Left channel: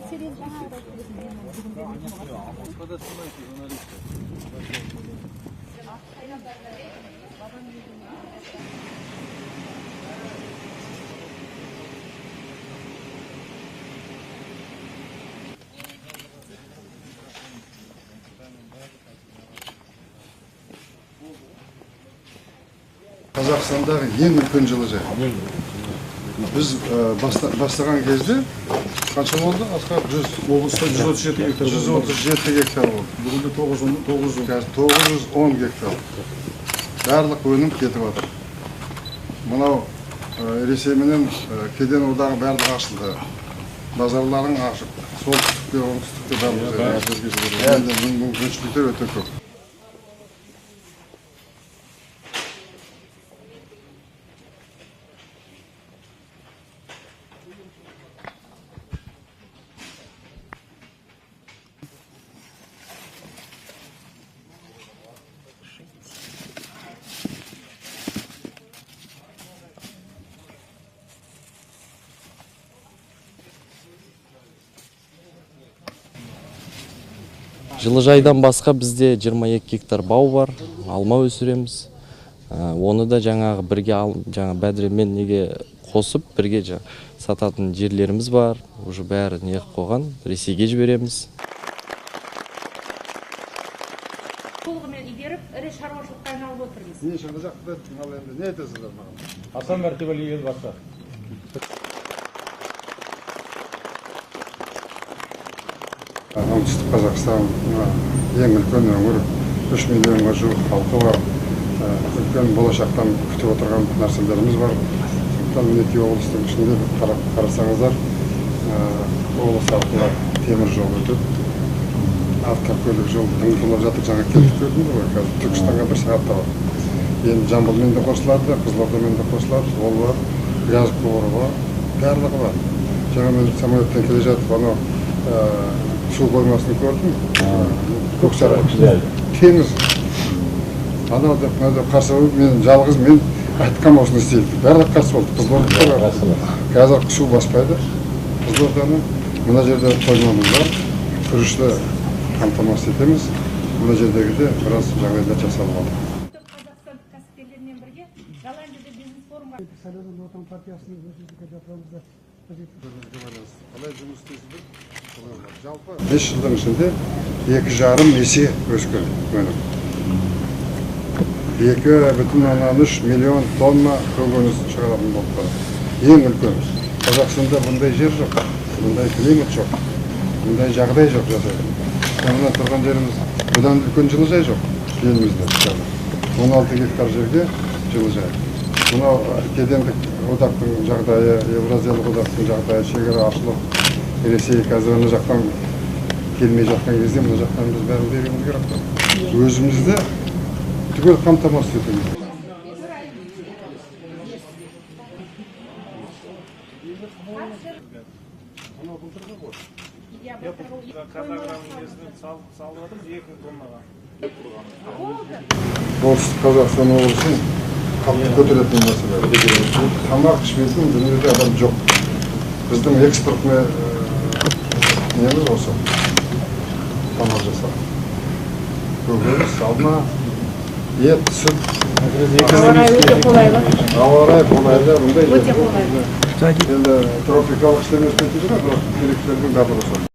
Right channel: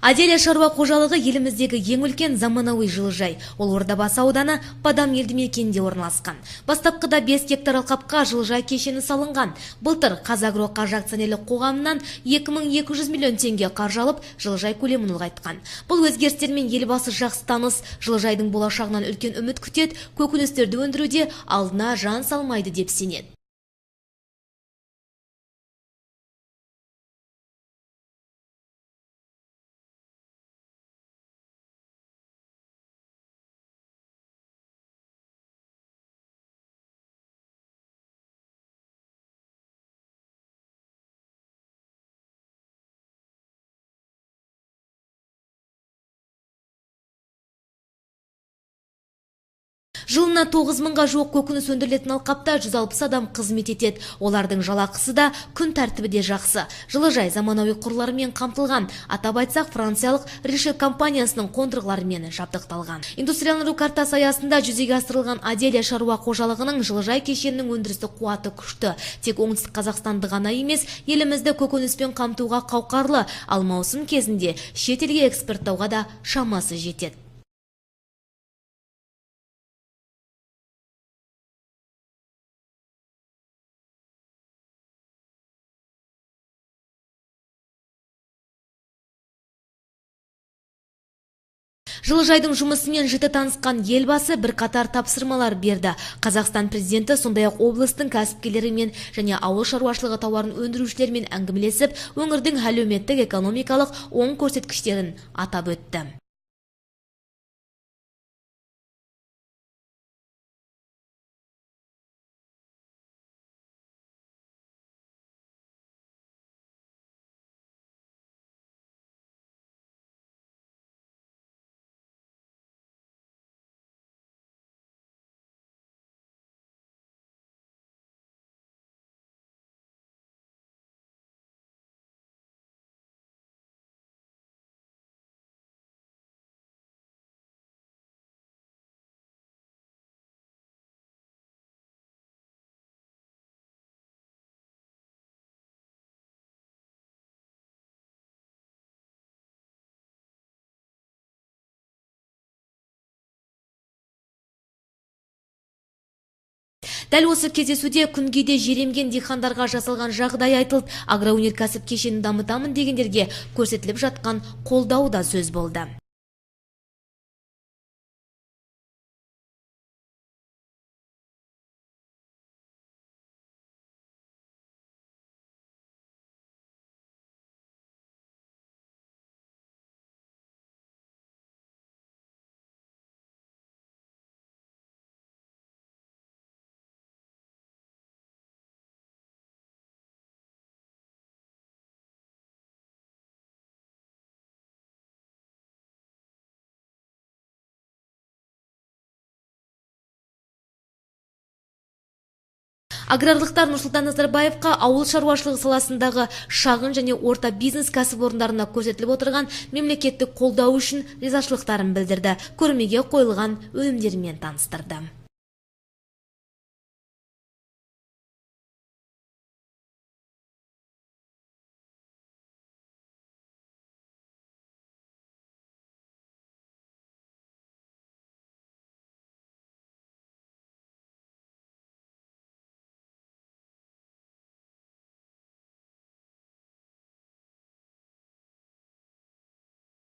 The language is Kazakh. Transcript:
Аделя шаруа қожалығы еліміздегі ең үлкен заманауи жылыжай. Ол Ордабасы ауданы Падам елді мекенінде орналасқан. Бастапқыда 5 гектар алқапқа жылыжай кешені салынған. Былтыр Қазагро қаржы акционерлік қоғамынан 2200 миллион теңге қаржы алып, жылыжай көлемін ұлғайтқан. Бұл өзгерістермен елбасы жақсы таныс, жылыжайдың болашағынан үлкен үміт күтеді, көкөністерді өндіруде алдына жан салмайды деп сенеді. Қазақстандағы ең үлкен жылыжай. Біз бастаған кезде қанша болды? Облыста 137 гектар. 137 гектар болды. Бүгінде 910 гектар. Барлық өнім кетіп отыр. Мынау Ресейменен кеден одағы барлығы ашылды. Базарларың ашық. Солтүстікте, оңтүстікте барлығы. Мүмкіншіліктер өте көп. Жылына 9 мыңға жуық көкөніс өндірілетін алқапта 160 адам қызмет етеді. Олардың жалақысы да, күн тәртібі де жақсы. Жылыжай заманауи құрларымен қамтылған. Атап айтсақ, франциялық Ришель компаниясының қондырғыларымен жабдықталған. Индустрияландыру картасы аясында жүзеге асырылған Аделя шаруа қожалығының жылыжай кешенінің өндірістік қуаты күшті. Тек оңтүстік Қазақстанды ғана емес, елімізді көкөніспен қамтуға қауқарлы, ал маусым кезінде шетелге экспорттауға да шамасы жетеді. Жылыжайдан басқа бізде 22 гектар бау бар, алма өсіреміз. Оны да жаңағы бірге бәдіремен неге қосып, бірге сататын жерлеріміз бар. Уже бәрі не қойған, Ресейге жібереміз. Жылыжайдың жұмысымен жіті танысқан елбасы бірқатар тапсырмалар берді. Қазақстан президенті сондай-ақ облыстың кәсіпкерлерімен және ауыл шаруашылығы тауарын өндірушілермен әңгімелесіп, өңірдің әлеуметтік экономикалық оң көрсеткіштерін атап өтті. Оңтүстік Қазақстан ең үлкен өңір, 3 миллионға жуық халқы бар. Үлкен болашақтан күтіп отырған нәрселеріміз бар. Мінеки облыстың ішінде қарасаңыздар, облыс арқылы темір жол өтеді. Автокөлік жол тыңғылып жатыр, жаңа келдік көрдіңіз ғой, қазір Түркістанға 1 сағатта бар. Енді Жамбылмен де қосылады, Қызылордамен де қосылады, ол бар, газ құбыры бар, барлығы бар. Жаңа мен самолеттен келе жатып, анау су қоймасын көрдім, Көксарай, теңіз. Анау қарсы болып, мен жалғыз, мен айтқам осыны істейді. Барлығы қарсы болды, Қызылорда қазір су баспайды, Қызылорданы. Мына жерде қоймамыз бар, күрішті қамтамасыз етеміз. Мына жердегі де біраз жағдайлар жасалып отыр. Дәл осы кездесуде күнгейде жеремген диқандарға жасалған жағдай айтылды. Агроөнеркәсіп кешенін дамытамын дегендерге көрсетіліп жатқан қолдау да сөз болды. 5 жылдың ішінде 2,5 есе өскен өнім. 2,3 миллион тонна көкөніс шығаратын болып барады. Ең үлкен. Қазақстанда бұндай жер жоқ, бұндай климат жоқ, бұндай жағдай жоқ жасайды. Мына тұрған жеріміз бұдан үлкен жылыжай жоқ елімізде. 16 гектар жерге жылыжай. Мынау кедендік одақтың жағдайы, Евразиялық одақтың жағдайы, шекара ашылып, Ресей қазір ана жақтан келмей жатқан кезде мына жақтан біз бәрін беруіміз керек. Өзімізді түгел қамтамасыз етеміз. Аграрлықтар Нұрсұлтан Назарбаевқа ауыл шаруашылығы саласындағы шағын және орта бизнес кәсіпорындарына көрсетіліп отырған мемлекеттік қолдау үшін ризашылықтарын білдірді. Көрмеге қойылған өнімдермен таныстырды. Оңтүстік Қазақстан облысын қатты көтеретін мәселе. Тамақ ішпейтін дүниеде адам жоқ. Біздің экспортына неміз осы. Тамақ жасап. Көкөніс, алма, ет, сүт. Ауа райы өте қолайлы. Ауа райы қолайлы, бұндай енді тропикалық істемес кетеді ғой, керектердің барлығы сол.